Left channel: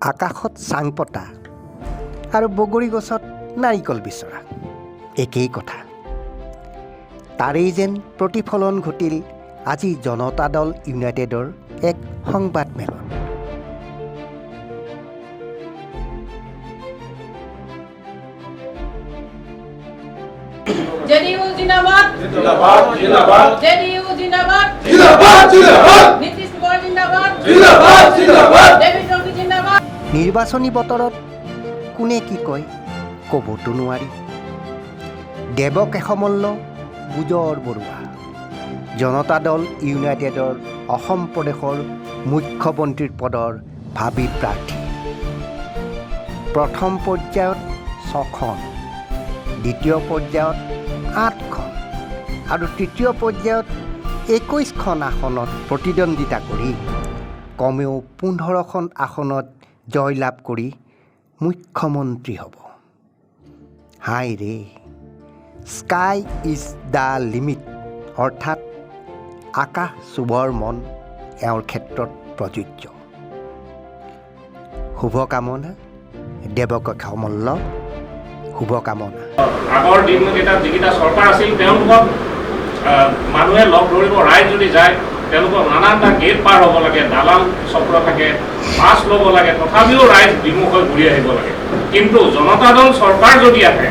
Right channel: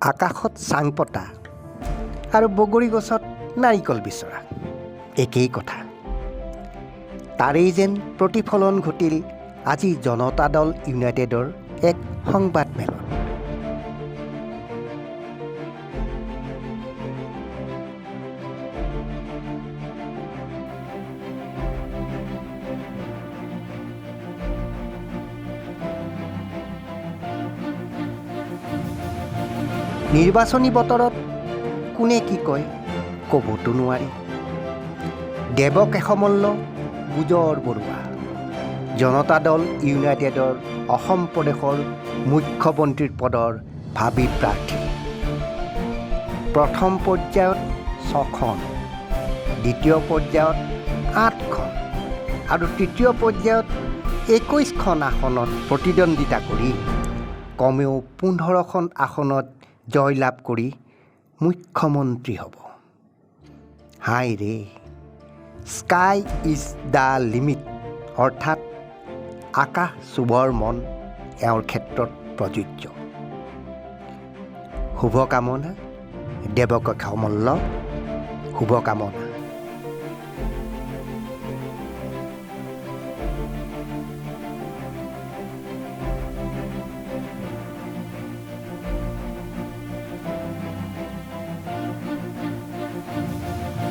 আকাশত চাং পতা আৰু বগৰী গছত নাৰিকল বিচৰা একেই কথা। তাৰেই যেন প্ৰতিফলন ঘটিল আজি জনতা দল ইউনাইটেডৰ এক সংবাদমেলত। JDU जिंदाबाद जिंदाबाद जिंदाबाद JDU जिंदाबाद जिंदाबाद जिंदाबाद नीतीश कुमार जिंदाबाद जिंदाबाद जिंदाबाद डेविड जोगी जिंदाबाद। নিৰ্বাচনী বতৰত কোনে কি কয় ক'বতো নোৱাৰি। দেৱক এসমল্ল গুজৰ বৰুৱা জনতা দল ইউনাইটেডৰ অসম প্ৰদেশৰ মুখ্যমন্ত্ৰীৰ পদৰ ভাবী প্ৰাৰ্থী। প্ৰথম পৰ্যায়ত 6খন, দ্বিতীয় পৰ্যায়ত 8খন আৰু তৃতীয় পৰ্যায়ত 21খন আসনত প্ৰতিদ্বন্দ্বিতা কৰি কমেও 15খন আসনত জয়লাভ কৰি মুখ্যমন্ত্ৰী হ'ব। হাই ৰে, স্কাই ইজ দ্য লিমিট, অৰ্থাৎ আকাশ চুবৰ মন এওঁৰ ক্ষেত্ৰত প্ৰযোজ্য। শুভকামনা দেৱক এসমল্ল, শুভকামনা। আগৰ দিনকেইটাত যিকেইটা চৰকাৰ আছিল তেওঁলোকক মানুহে লগ ধৰিব, ৰাইজ যদি যায় তেওঁলোকক নানানটা গেট পাৰ হ'ব লাগে, দালাল চক্ৰ থাকে, পাছ ল'ব লাগে, তথাপিও ৰাইজ বিমুখ হৈ ঘূৰি আহিব লাগে। কিন্তু জনতা দল চৰকাৰ যদি আহে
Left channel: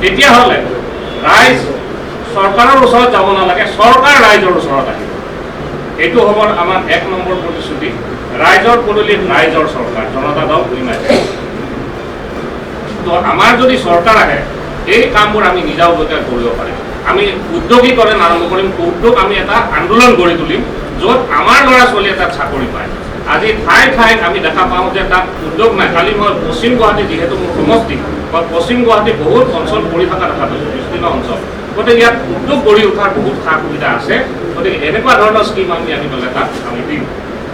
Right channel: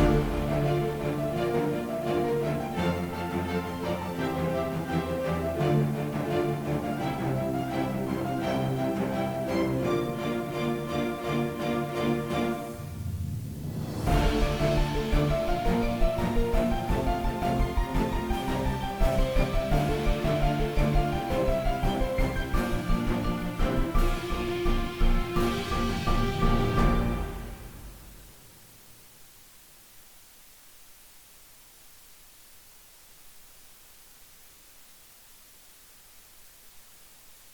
তেতিয়াহ'লে ৰাইজ চৰকাৰৰ ওচৰত যাব নালাগে, চৰকাৰ ৰাইজৰ ওচৰত আহিব। এইটো হ'ব আমাৰ 1 নম্বৰ প্ৰতিশ্ৰুতি। ৰাইজৰ পদূলিত ৰাইজৰ চৰকাৰ, জনতা দল ইউনাইটেড। তো আমাৰ যদি চৰকাৰ আহে এই কামবোৰ আমি নিজাববীয়াকৈ কৰিব পাৰিম। আমি উদ্যোগীকৰণ আৰম্ভ কৰিম, উদ্যোগ আমি এটা আন্দোলন গঢ়ি তুলিম য'ত আমাৰ ল'ৰা ছোৱালীয়ে তাত চাকৰি পায়। আজি ঠাই ঠাইত আমি দেখা পাওঁ যে তাত উদ্যোগ নাই। কালি মই পশ্চিম গুৱাহাটী, যিহেতু মোৰ সমষ্টি, মই পশ্চিম গুৱাহাটী বহুত অঞ্চল পৰি থকা দেখা পাইছোঁ, বিস্তীৰ্ণ অঞ্চল। গতিকে ইয়াত উদ্যোগ গঢ়ি উঠাৰ বহুত সা সুবিধা আছে। গতিকে এনেকুৱা ধৰণৰ স্কীম আমি আনি পেলাই তাত আমি দিম।